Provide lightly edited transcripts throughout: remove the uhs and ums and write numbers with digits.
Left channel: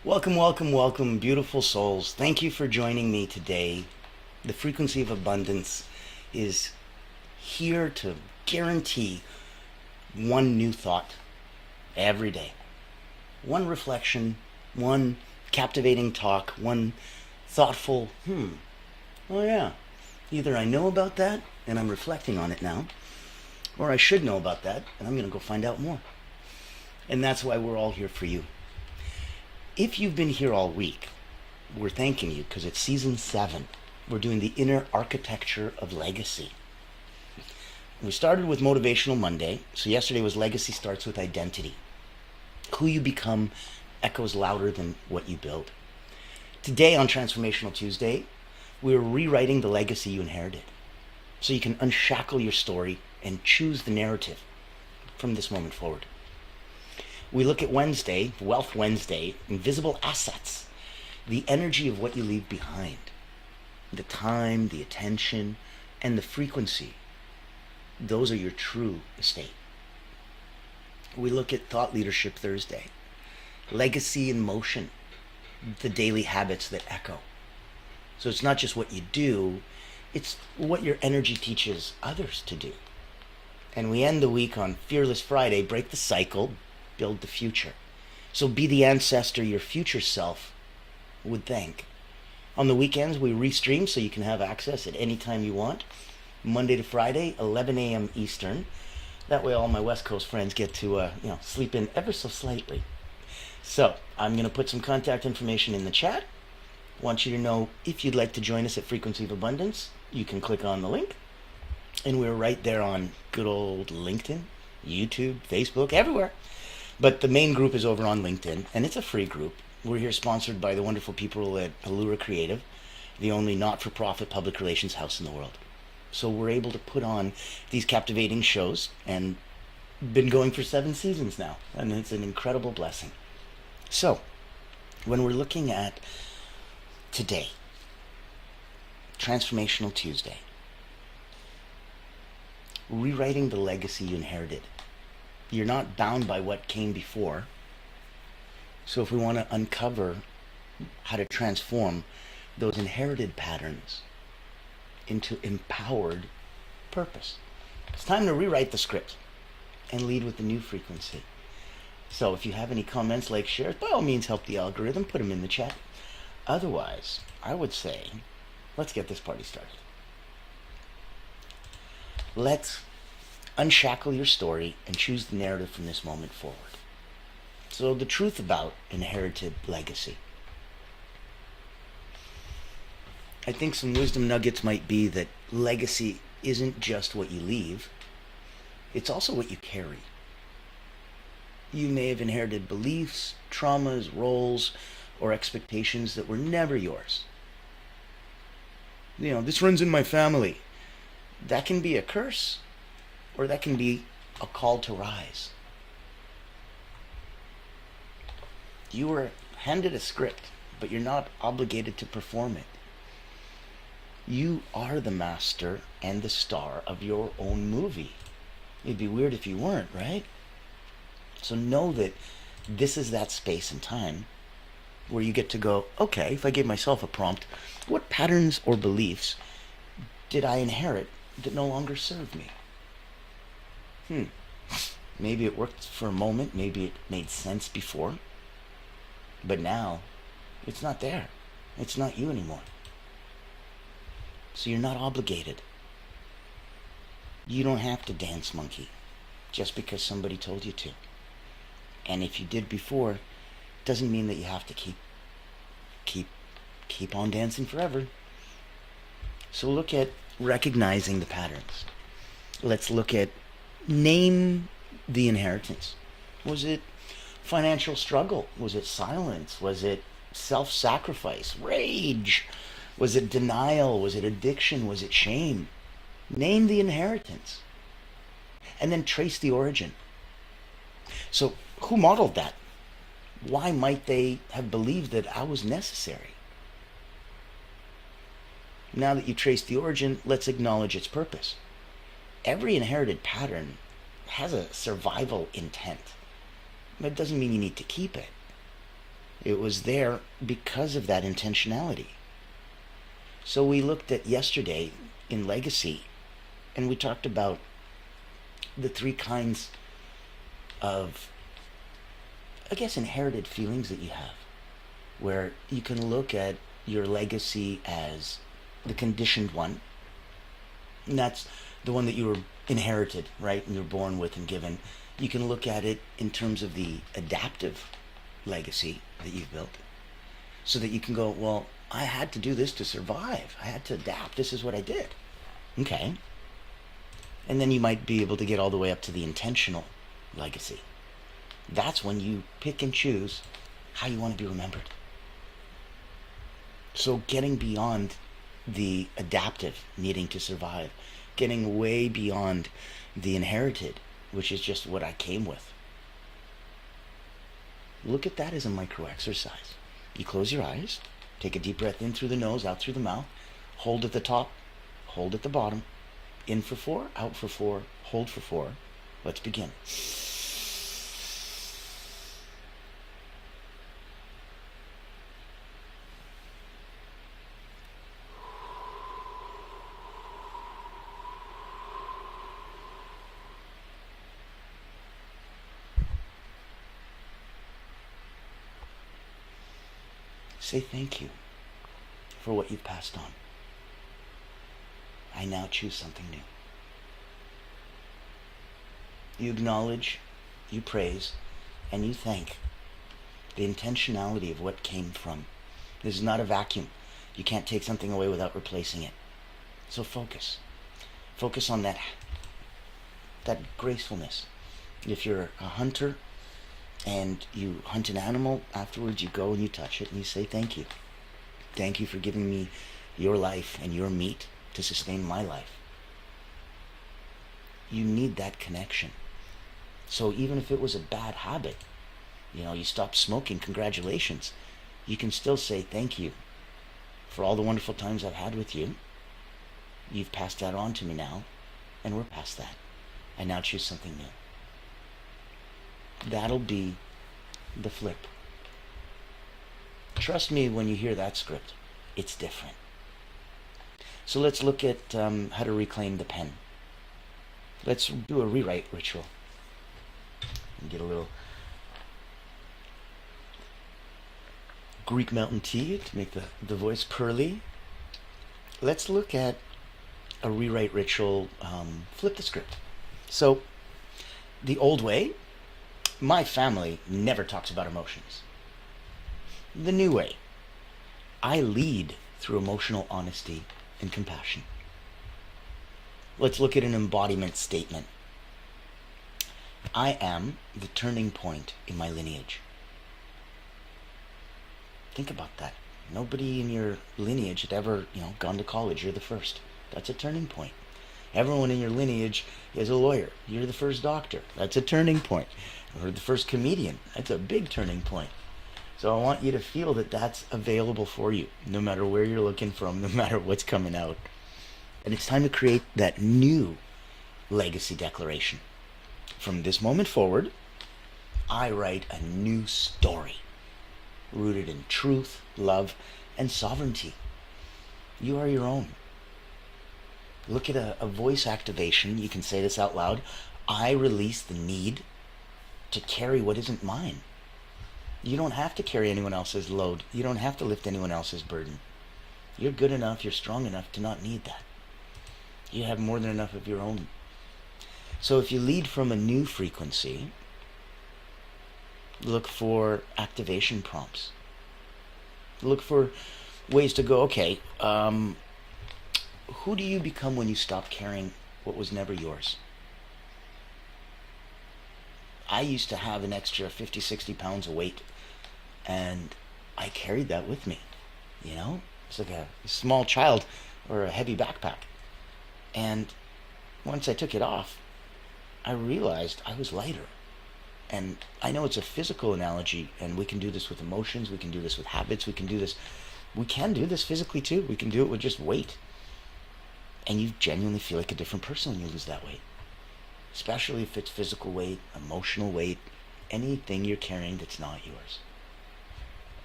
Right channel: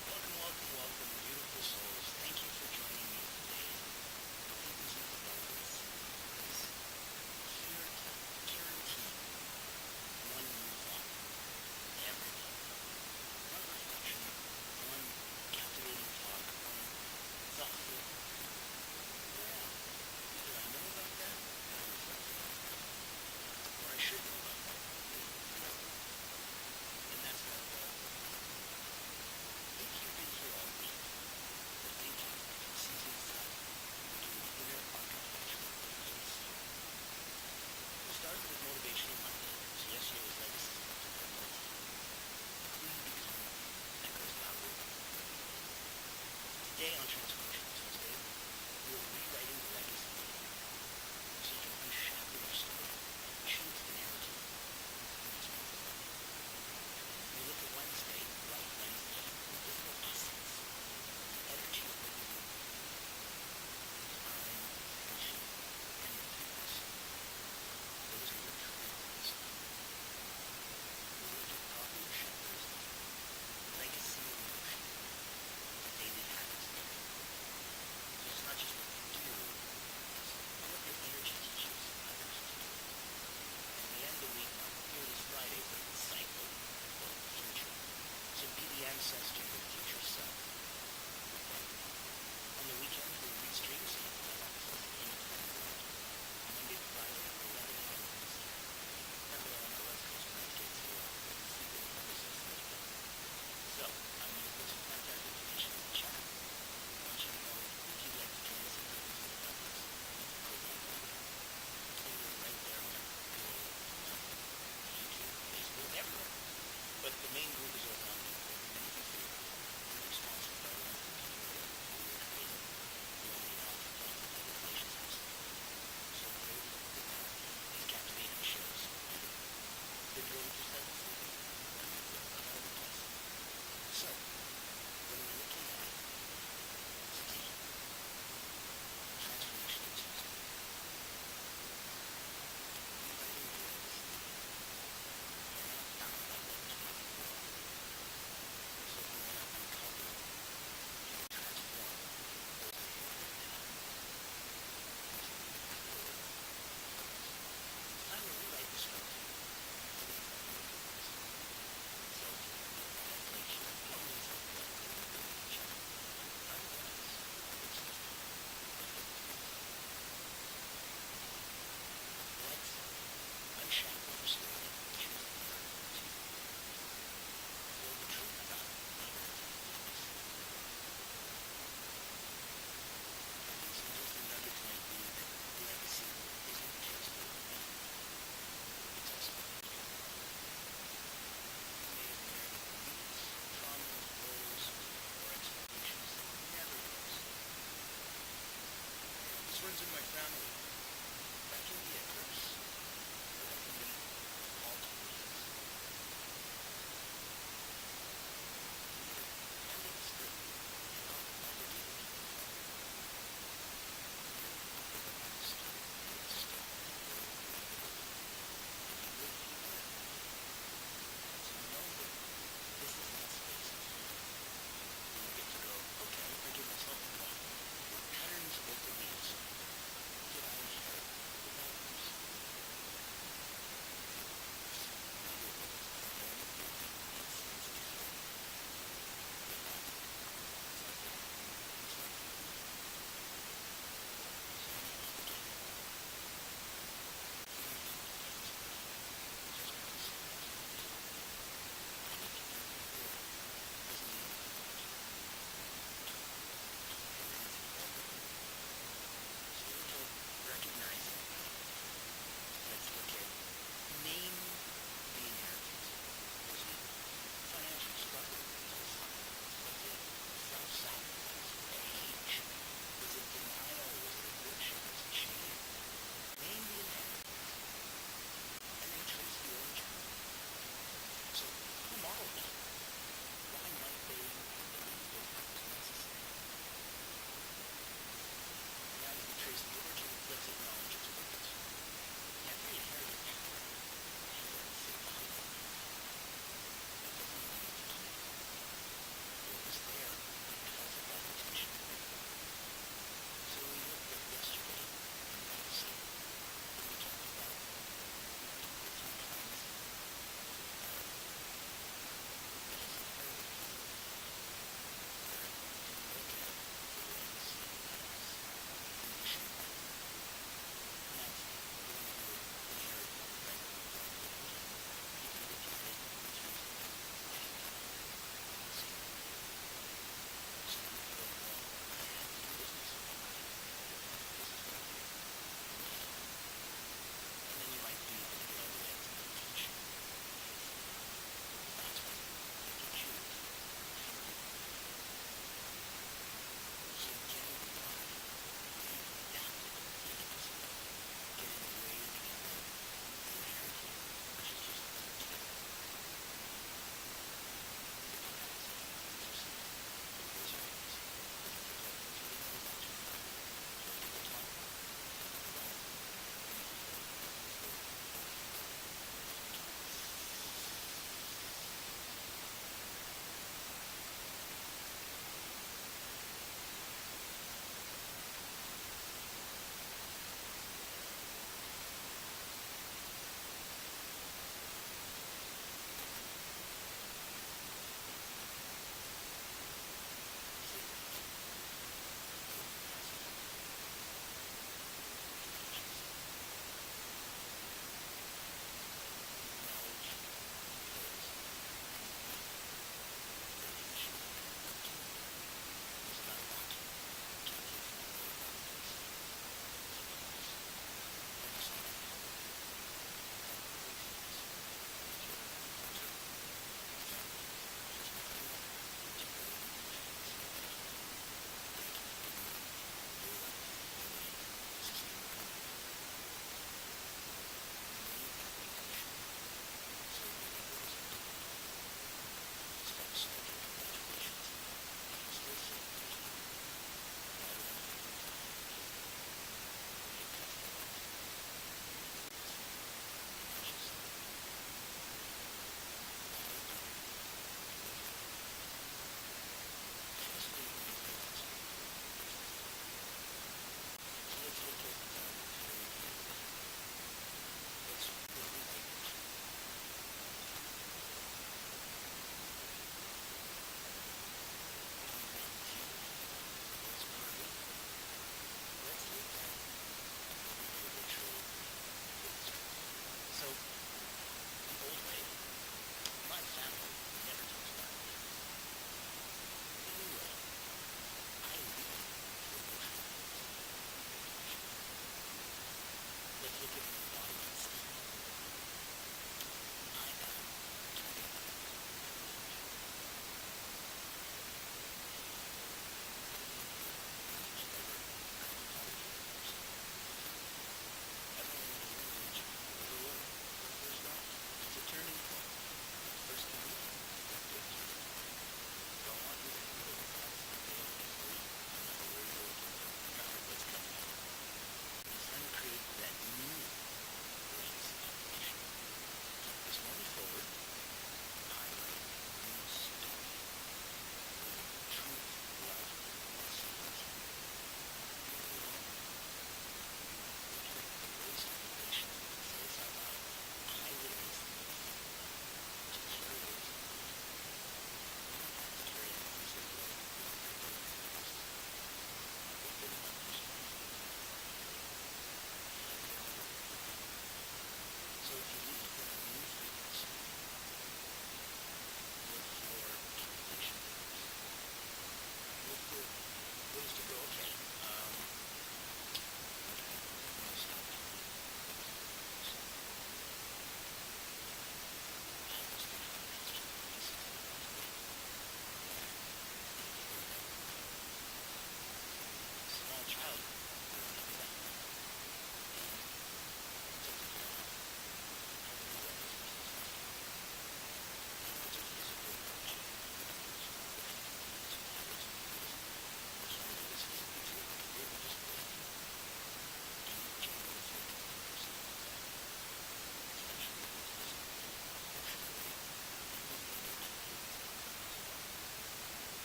Welcome, welcome, welcome, beautiful souls. Thank you for joining me today. The frequency of abundance is here to guarantee one new thought every day. One reflection, one captivating talk, one thoughtful, oh yeah, either I know about that and I'm reflecting on it now, or I should know about that and I'm going to go find out more. And that's why we're all here for you. If you've been here all week, we're thanking you because it's season 7. We're doing the inner architecture of legacy. We started with Motivational Monday. So yesterday was Legacy Starts with Identity. Who you become echoes louder than what you build. Today on Transformational Tuesday, we're rewriting the legacy you inherited. So you can unshackle your story and choose the narrative from this moment forward. We look at Wednesday, Wealth Wednesday, invisible assets, the energy of what you leave behind, the time, the attention, and the frequency. Those are your true estate. We look at Thought Leadership Thursday, legacy in motion, the daily habits that echo. So it's not just what you do, it's what your energy teaches others to do. And we end the week on Fearless Friday, break the cycle, build the future. So be the ancestor your future self would thank. On the weekends, we restream so you can have access at any time you want. Monday to Friday, 11 a.m. Eastern. That way all my West Coast friends get to sleep in ever so slightly. So I'm going to put some contact information in the chat. Want you to know if you'd like to join us at Frequency of Abundance, you can click on the link. And we're right there on good old LinkedIn, YouTube, Facebook, everywhere. But the main group is over on LinkedIn, and it's a free group. We're here sponsored by the wonderful people at Allura Creative, the only not-for-profit public relations house in the world. So we're able to put on these captivating shows, and been going for 7 seasons now, and it's an incredible blessing. So, when we're looking at today, Transformational Tuesday, rewriting the legacy you inherited. You're not bound by what came before. So if we want to uncover how to transform those inherited patterns into empowered purpose, it's time to rewrite the script and lead with a new frequency. So if you have any comments, like, share, by all means help the algorithm, put them in the chat. Otherwise, I would say, let's get this party started. Let's unshackle your story and choose the narrative from this moment forward. So the truth about inherited legacy. I think some wisdom nuggets might be that legacy isn't just what you leave, it's also what you carry. You may have inherited beliefs, traumas, roles, or expectations that were never yours. This runs in my family. That can be a curse, or that can be a call to rise. You were handed a script, but you're not obligated to perform it. You are the master and the star of your own movie. It'd be weird if you weren't, right? So know that this is that space and time where you get to go, okay, if I gave myself a prompt, what patterns or beliefs did I inherit that no longer serve me? Maybe it worked for a moment, maybe it made sense before, but now it's not there. It's not you anymore. So you're not obligated. You don't have to dance monkey just because somebody told you to. And if you did before, doesn't mean that you have to keep on dancing forever. So look at recognizing the patterns. Let's look at name the inheritance. Was it financial struggle? Was it silence? Was it self-sacrifice? Rage? Was it denial? Was it addiction? Was it shame? Name the inheritance. And then trace the origin. So who modeled that? Why might they have believed that I was necessary? Now that you've traced the origin, let's acknowledge its purpose. Every inherited pattern has a survival intent. That doesn't mean you need to keep it. It was there because of that intentionality. So we looked at yesterday in legacy, and we talked about the three kinds of, I guess, inherited feelings that you have, where you can look at your legacy as the conditioned one, and that's the one that you were inherited, right, and you're born with and given. You can look at it in terms of the adaptive legacy that you've built, so that you can go, well, I had to do this to survive. I had to adapt. This is what I did. Okay. And then you might be able to get all the way up to the intentional legacy. That's when you pick and choose how you want to be remembered. So getting beyond the adaptive, needing to survive, getting way beyond the inherited, which is just what I came with. Look at that as a micro exercise. You close your eyes, take a deep breath in through the nose, out through the mouth, hold at the top, hold at the bottom, in for 4, out for 4, hold for 4. Let's begin. Say thank you for what you passed on. I now choose something new. You acknowledge, you praise, and you thank the intentionality of what came from. This is not a vacuum. You can't take something away without replacing it. So focus. Focus on that gracefulness. If you're a hunter and you hunt an animal, afterwards you go and you touch it and you say thank you. Thank you for giving me your life and your meat to sustain my life. You need that connection. So even if it was a bad habit, you stopped smoking, congratulations. You can still say thank you for all the wonderful times I've had with you. You've passed that on to me now, and we're past that. I now choose something new. That'll be the flip. Trust me, when you hear that script, it's different. So let's look at how to reclaim the pen. Let's do a rewrite ritual. Get a little Greek mountain tea to make the voice pearly. Let's look at a rewrite ritual, flip the script. So, the old way, my family never talks about emotions. The new way, I lead through emotional honesty and compassion. Let's look at an embodiment statement. I am the turning point in my lineage. Think about that. Nobody in your lineage had ever, gone to college. You're the first. That's a turning point. Everyone in your lineage is a lawyer. You're the first doctor. That's a turning point. Or the first comedian. That's a big turning point. So I want you to feel that that's available for you, no matter where you're looking from, no matter what's coming out. And it's time to create that new legacy declaration. From this moment forward, I write a new story, rooted in truth, love, and sovereignty. You are your own. Look at a voice activation. You can say this out loud. I release the need to carry what isn't mine. You don't have to carry anyone else's load. You don't have to lift anyone else's burden. You're good enough, you're strong enough to not need that. You have more than enough of your own. So if you lead from a new frequency, look for activation prompts. Look for ways to go, okay, who do you become when you stop carrying what was never yours? I used to have an extra 50, 60 pounds of weight, and I carried that with me, It's like a small child or a heavy backpack. And once I took it off, I realized I was lighter. And I know it's a physical analogy, and we can do this with emotions, we can do this with habits, we can do this physically too. We can do it with just weight. And you genuinely feel like a different person when you lose that weight. Especially if it's physical weight, emotional weight, anything you're carrying that's not yours.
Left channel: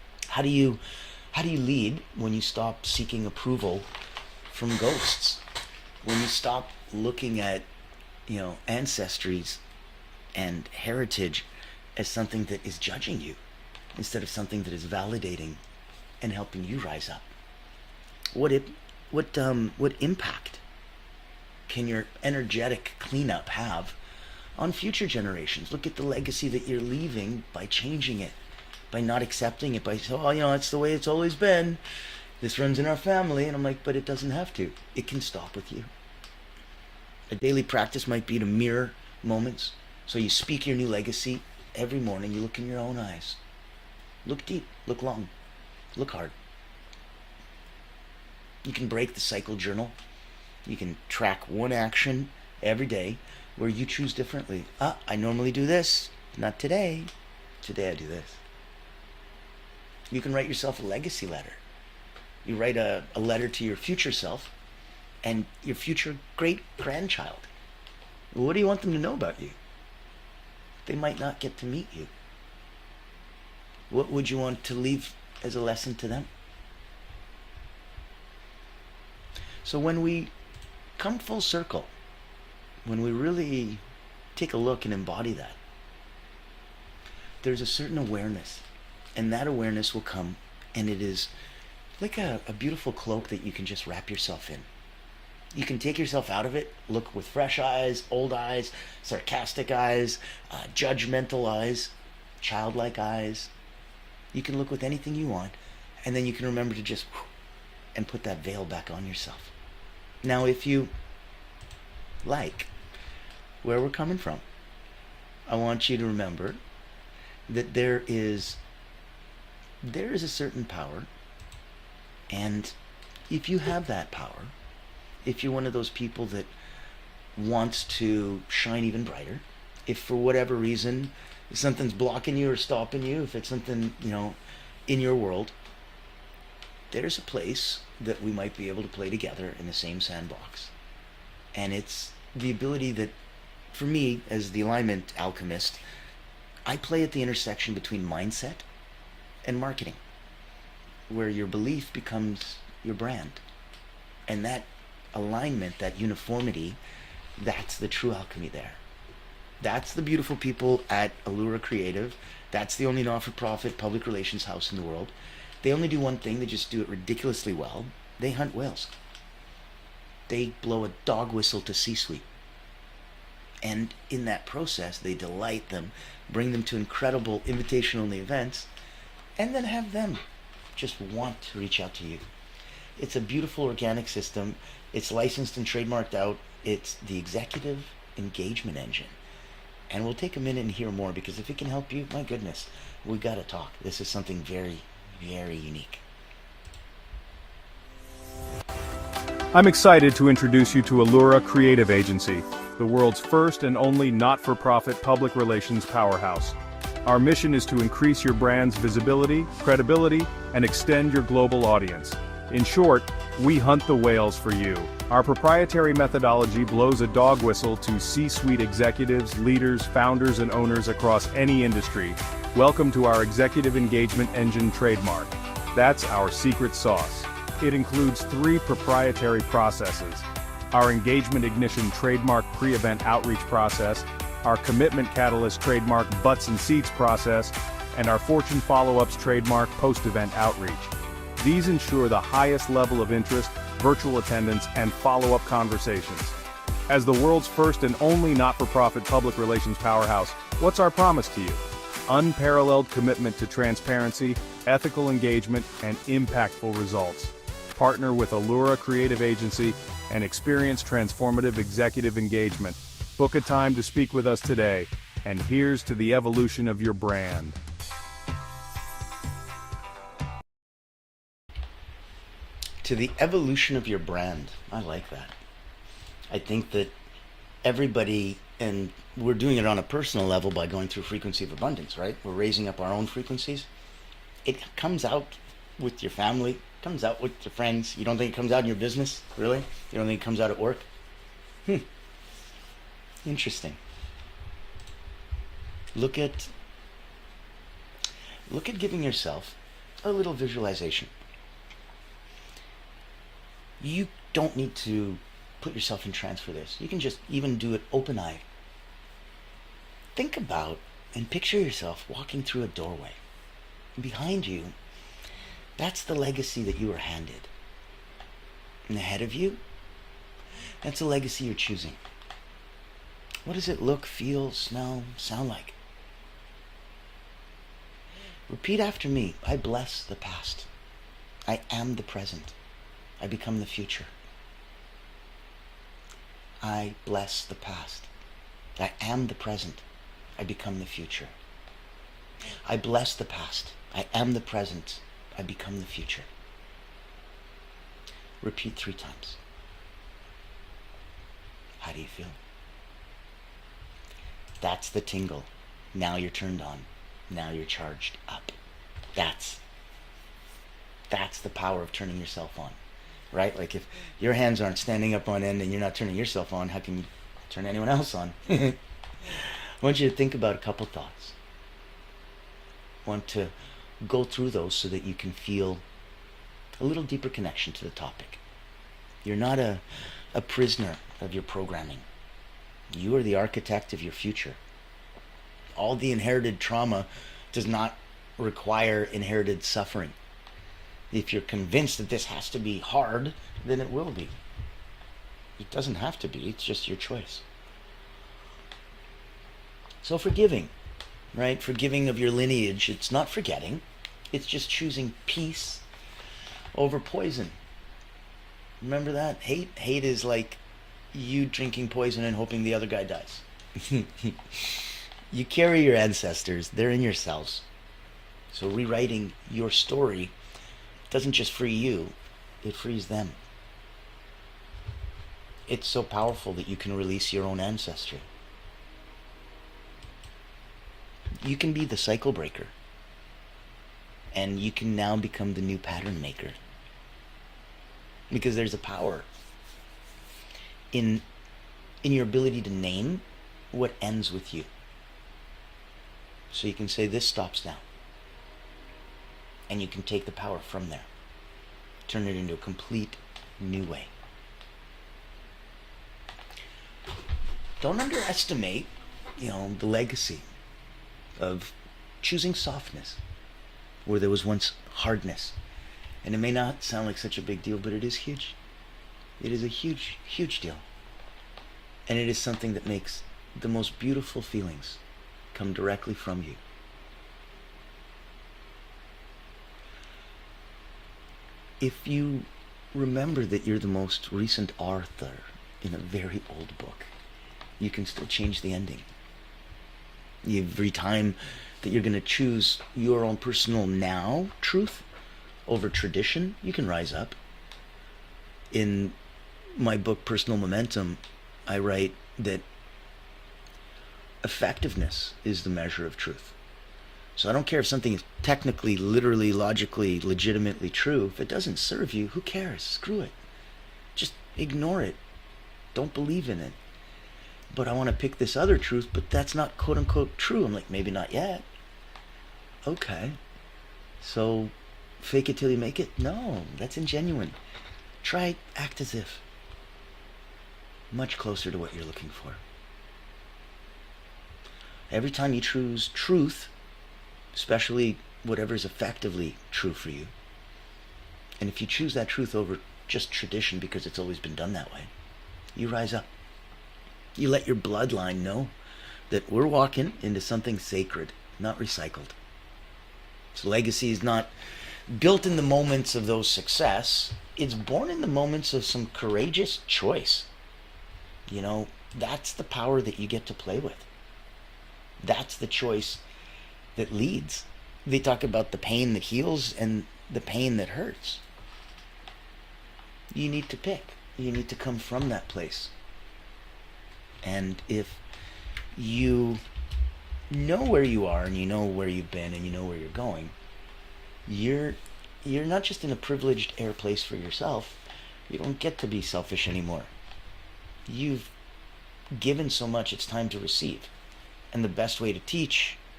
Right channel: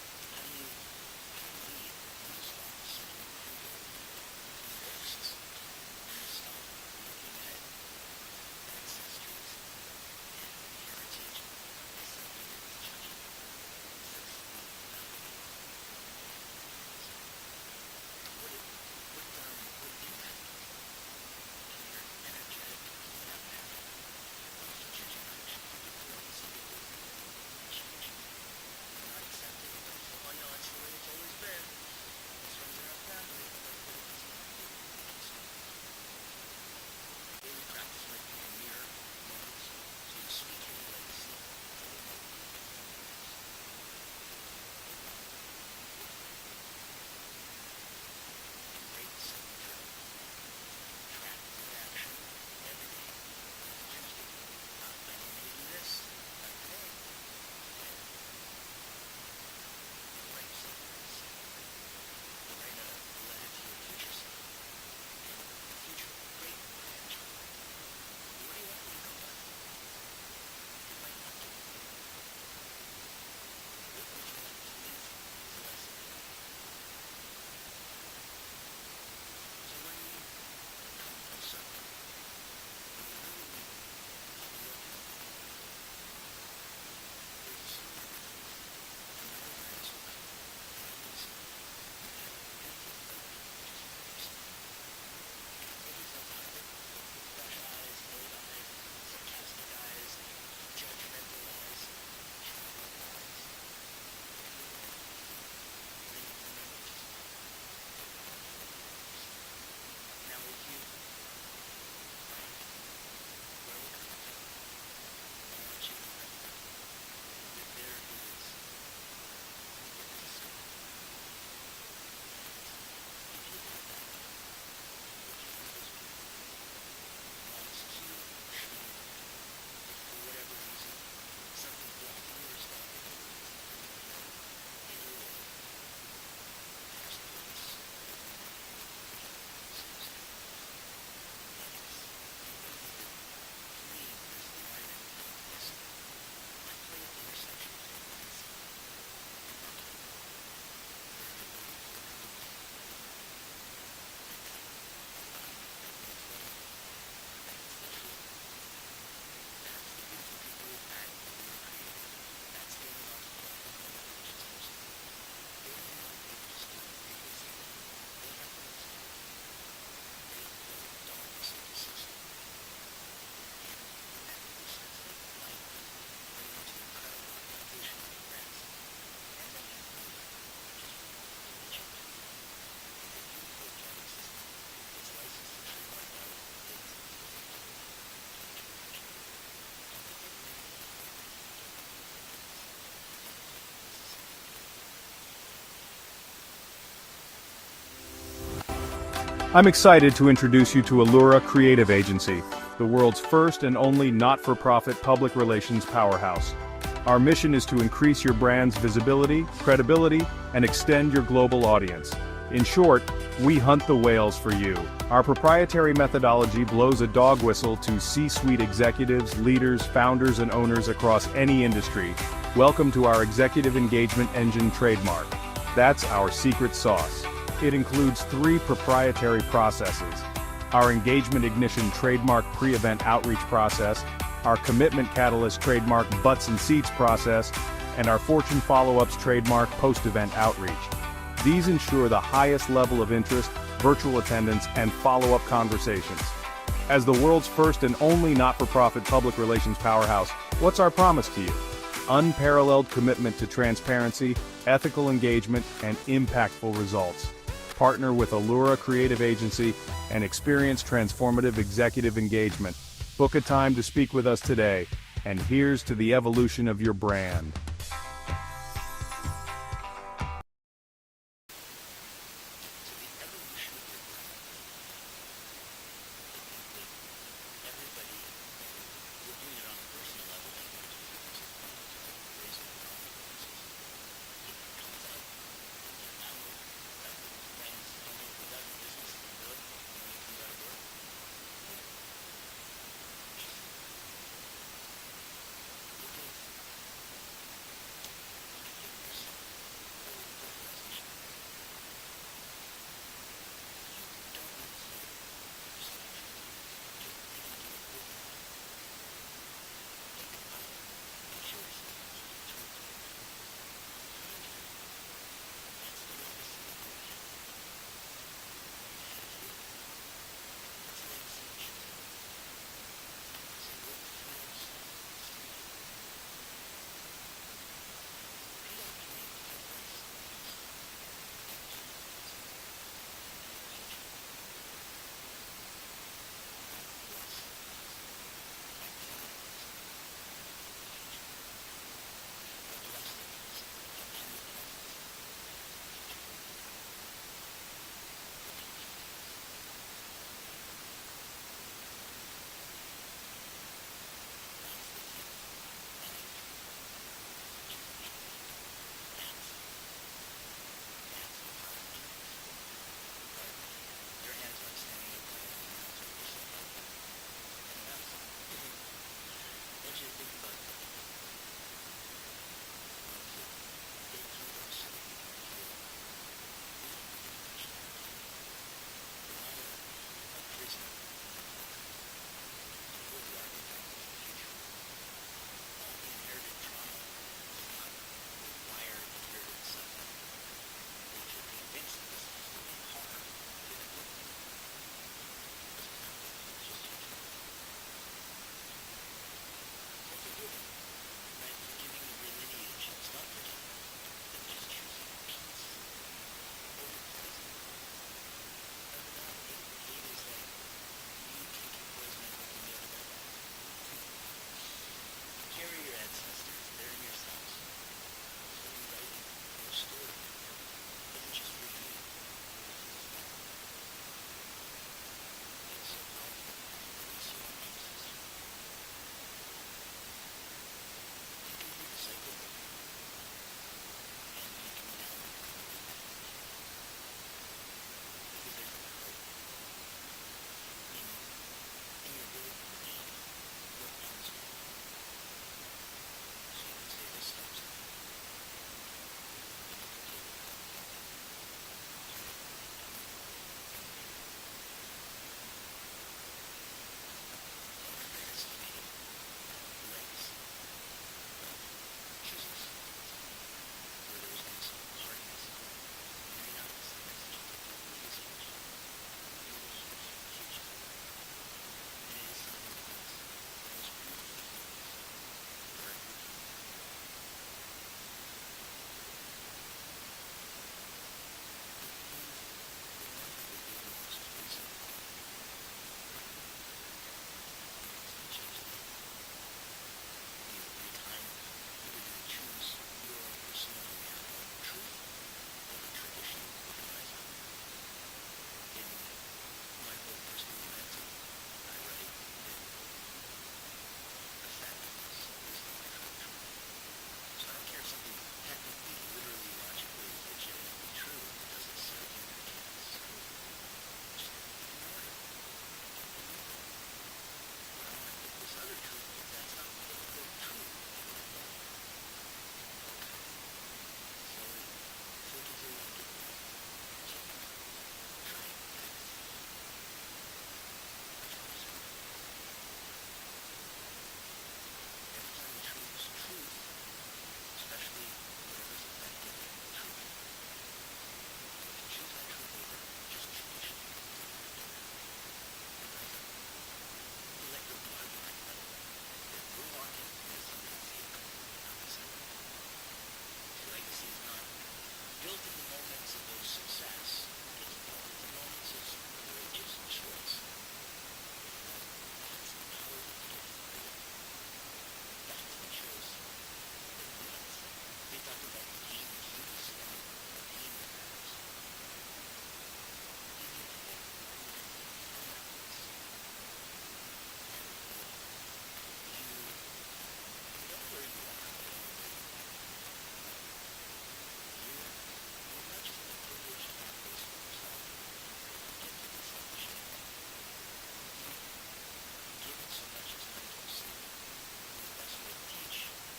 How do you lead when you stop seeking approval from ghosts? When you stop looking at, ancestries and heritage as something that is judging you instead of something that is validating and helping you rise up? What impact can your energetic cleanup have on future generations? Look at the legacy that you're leaving by changing it, by not accepting it, by saying, oh, it's the way it's always been. This runs in our family. And I'm like, but it doesn't have to. It can stop with you. A daily practice might be to mirror moments. So you speak your new legacy every morning. You look in your own eyes. Look deep. Look long. Look hard. You can break the cycle journal. You can track one action every day where you choose differently. I normally do this. Not today. Today I do this. You can write yourself a legacy letter. You write a letter to your future self and your future great-grandchild. What do you want them to know about you? They might not get to meet you. What would you want to leave as a lesson to them? So when we come full circle, when we really take a look and embody that, there's a certain awareness, and that awareness will come, and it is like a beautiful cloak that you can just wrap yourself in. You can take yourself out of it, look with fresh eyes, old eyes, sarcastic eyes, judgmental eyes, childlike eyes. You can look with anything you want, and then you can remember to just and put that veil back on yourself. Now, if you like where we're coming from, I want you to remember that there is a certain power, and if you have that power, if you're one of those people that wants to shine even brighter, if for whatever reason something's blocking you or stopping you, if it's something, in your world, there's a place that we might be able to play together in the same sandbox. And it's the ability that, for me, as the alignment alchemist, I play at the intersection between mindset and marketing, where your belief becomes your brand. And that alignment, that uniformity, that's the true alchemy there. That's the beautiful people at Allura Creative. That's the only not-for-profit public relations house in the world. They only do one thing. They just do it ridiculously well. They hunt whales. They blow a dog whistle to C-suite. And in that process, they delight them, bring them to incredible invitation-only events, and then have them just want to reach out to you. It's a beautiful organic system. It's licensed and trademarked out. It's the executive engagement engine. And we'll take a minute and hear more, because if it can help you, my goodness, we've got to talk. This is something very, very unique. I'm excited to introduce you to Allura Creative Agency, the world's first and only not-for-profit public relations powerhouse. Our mission is to increase your brand's visibility, credibility, and extend your global audience. In short, we hunt the whales for you. Our proprietary methodology blows a dog whistle to C-suite executives, leaders, founders, and owners across any industry. Welcome to our Executive Engagement Engine trademark. That's our secret sauce. It includes 3 proprietary processes: our Engagement Ignition trademark pre-event outreach process, our Commitment Catalyst trademark butts and seats process, and our Fortune Follow-ups trademark post-event outreach. These ensure the highest level of interest, virtual attendance, and follow-up conversations. As the world's first and only not-for-profit public relations powerhouse, what's our promise to you? Unparalleled commitment to transparency, ethical engagement, and impactful results. Partner with Allura Creative Agency and experience transformative executive engagement. Book a time to speak with us today, and here's to the evolution of your brand. To the evolution of your brand. I like that. I think that everybody, and we're doing it on a personal level by going through frequency of abundance, right? We're raising up our own frequencies. It comes out with your family, it comes out with your friends. You don't think it comes out in your business? Really? You don't think it comes out at work? Interesting. Look at giving yourself a little visualization. You don't need to put yourself in trance for this. You can just even do it open-eyed. Think about and picture yourself walking through a doorway. And behind you, that's the legacy that you were handed. And ahead of you, that's a legacy you're choosing. What does it look, feel, smell, sound like? Repeat after me. I bless the past. I am the present. I become the future. I bless the past. I am the present. I become the future. I bless the past. I am the present. I become the future. Repeat 3 times. How do you feel? That's the tingle. Now you're turned on. Now you're charged up. That's the power of turning yourself on. Right? Like if your hands aren't standing up on end and you're not turning yourself on, how can you turn anyone else on? I want you to think about a couple thoughts. I want to go through those so that you can feel a little deeper connection to the topic. You're not a prisoner of your programming. You are the architect of your future. All the inherited trauma does not require inherited suffering. If you're convinced that this has to be hard, then it will be. It doesn't have to be, it's just your choice. So forgiving, right? Forgiving of your lineage, it's not forgetting. It's just choosing peace over poison. Remember that? Hate is like you drinking poison and hoping the other guy dies. You carry your ancestors. They're in your cells. So rewriting your story doesn't just free you, it frees them. It's so powerful that you can release your own ancestry. You can be the cycle breaker. And you can now become the new pattern maker. Because there's a power in your ability to name what ends with you. So you can say, this stops now. And you can take the power from there. Turn it into a complete new way. Don't underestimate, the legacy of choosing softness where there was once hardness. And it may not sound like such a big deal, but it is huge. It is a huge, huge deal. And it is something that makes the most beautiful feelings come directly from you. If you remember that you're the most recent author in a very old book, you can still change the ending. Every time that you're going to choose your own personal now truth over tradition, you can rise up. In my book, Personal Momentum, I write that effectiveness is the measure of truth. So I don't care if something is technically, literally, logically, legitimately true. If it doesn't serve you, who cares? Screw it. Just ignore it. Don't believe in it. But I want to pick this other truth, but that's not quote-unquote true. I'm like, maybe not yet. Okay. So fake it till you make it? No, that's ingenuine. Try act as if. Much closer to what you're looking for. Every time you choose truth, especially whatever's effectively true for you, and if you choose that truth over just tradition because it's always been done that way, you rise up. You let your bloodline know that we're walking into something sacred, not recycled. So legacy is not built in the moments of those success. It's born in the moments of some courageous choice. That's the power that you get to play with. That's the choice that leads. They talk about the pain that heals and the pain that hurts. You need to pick. You need to come from that place. And if you know where you are and you know where you've been and you know where you're going, you're not just in a privileged air place for yourself. You don't get to be selfish anymore. You've given so much, it's time to receive. And the best way to teach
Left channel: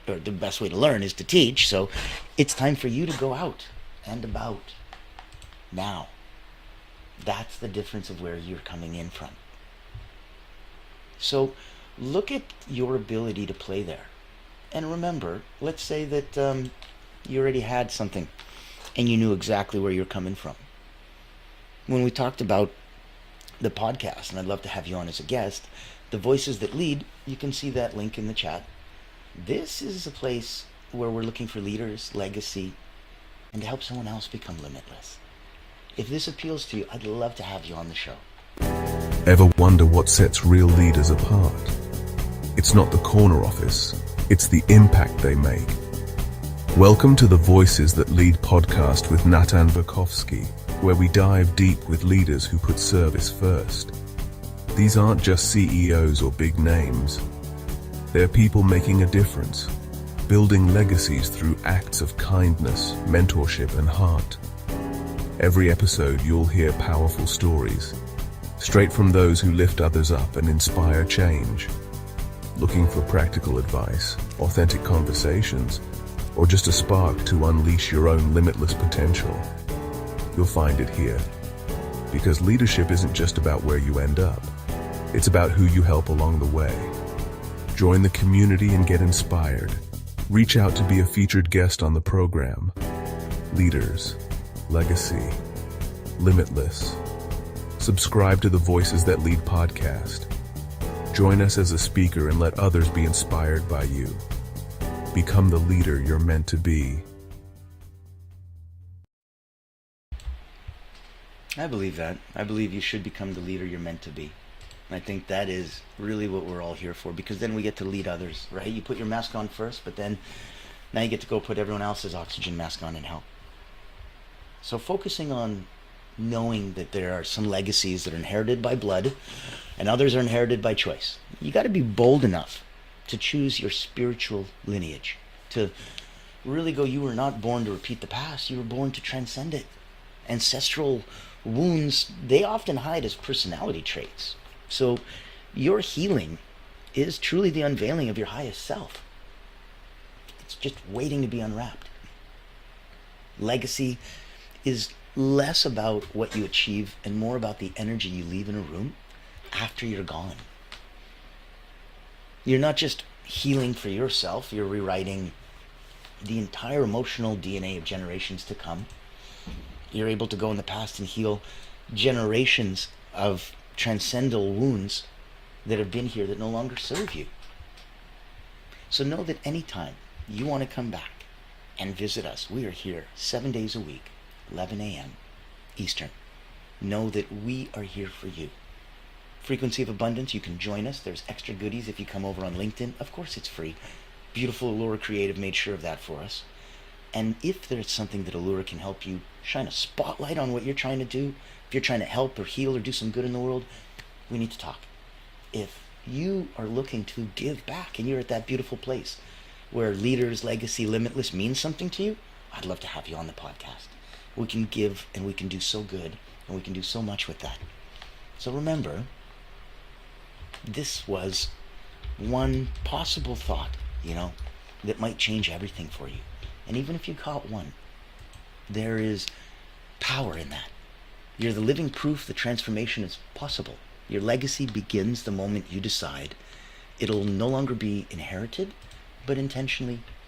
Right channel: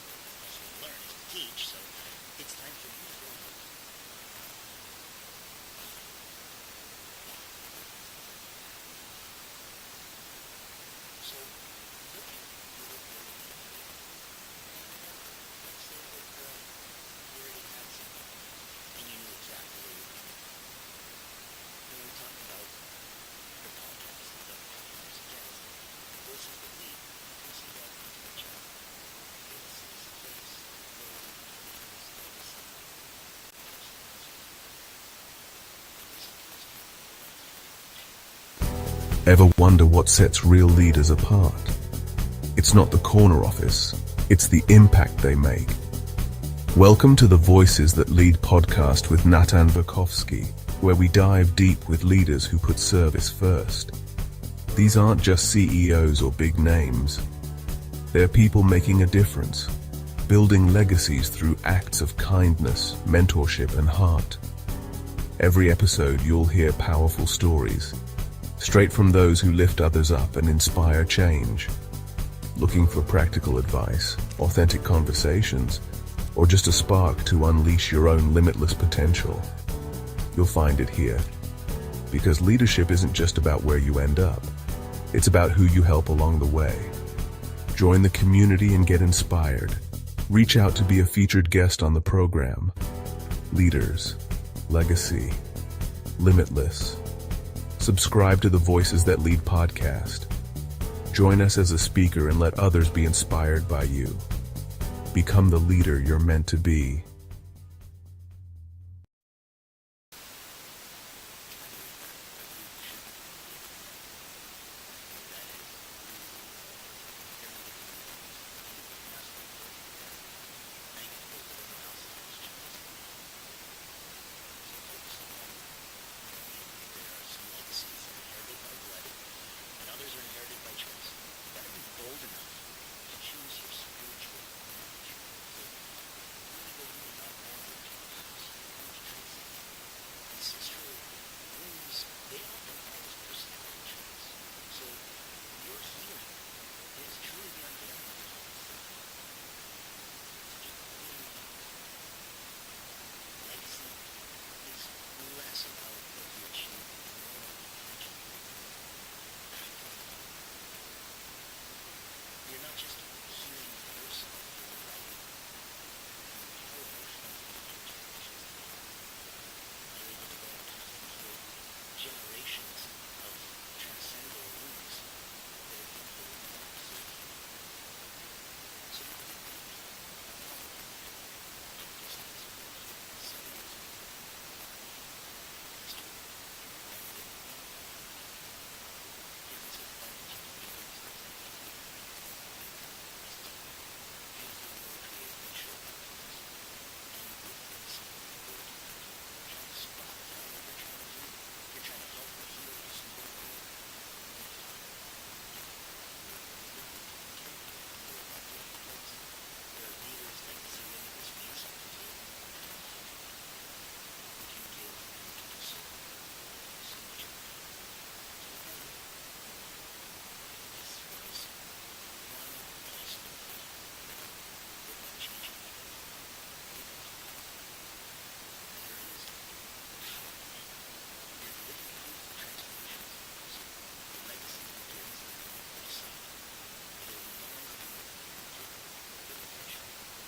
or the best way to learn is to teach. So it's time for you to go out and about now. That's the difference of where you're coming in from. So look at your ability to play there. And remember, let's say that you already had something and you knew exactly where you're coming from. When we talked about the podcast, and I'd love to have you on as a guest, The Voices That Lead, you can see that link in the chat. This is a place where we're looking for leaders, legacy, and to help someone else become limitless. If this appeals to you, I'd love to have you on the show. Ever wonder what sets real leaders apart? It's not the corner office, it's the impact they make. Welcome to the Voices That Lead podcast with Natan Verkovsky, where we dive deep with leaders who put service first. These aren't just CEOs or big names. They're people making a difference, building legacies through acts of kindness, mentorship, and heart. Every episode you'll hear powerful stories, straight from those who lift others up and inspire change. Looking for practical advice, authentic conversations, or just a spark to unleash your own limitless potential? You'll find it here. Because leadership isn't just about where you end up. It's about who you help along the way. Join the community and get inspired. Reach out to be a featured guest on the program. Leaders, legacy, limitless. Subscribe to the Voices That Lead podcast. Join us as a speaker and let others be inspired by you. Become the leader you're meant to be. I believe that. I believe you should become the leader you're meant to be. And I think that is really what we're all here for, because then we get to lead others, right? You put your mask on first, but then now you get to go put everyone else's oxygen mask on and help. So focusing on knowing that there are some legacies that are inherited by blood and others are inherited by choice. You got to be bold enough to choose your spiritual lineage, to really go, you were not born to repeat the past, you were born to transcend it. Ancestral wounds, they often hide as personality traits. So your healing is truly the unveiling of your highest self. It's just waiting to be unwrapped. Legacy is less about what you achieve and more about the energy you leave in a room after you're gone. You're not just healing for yourself, you're rewriting the entire emotional DNA of generations to come. You're able to go in the past and heal generations of transcendental wounds that have been here that no longer serve you. So know that anytime you want to come back and visit us, we are here 7 days a week, 11 a.m. Eastern. Know that we are here for you. Frequency of Abundance, you can join us. There's extra goodies if you come over on LinkedIn. Of course it's free. Beautiful Allura Creative made sure of that for us. And if there's something that Allura can help you shine a spotlight on what you're trying to do, if you're trying to help or heal or do some good in the world, we need to talk. If you are looking to give back and you're at that beautiful place where leaders, legacy, limitless means something to you, I'd love to have you on the podcast. We can give and we can do so good and we can do so much with that. So remember, this was one possible thought, that might change everything for you. And even if you caught one, there is power in that. You're the living proof that transformation is possible. Your legacy begins the moment you decide it'll no longer be inherited, but intentionally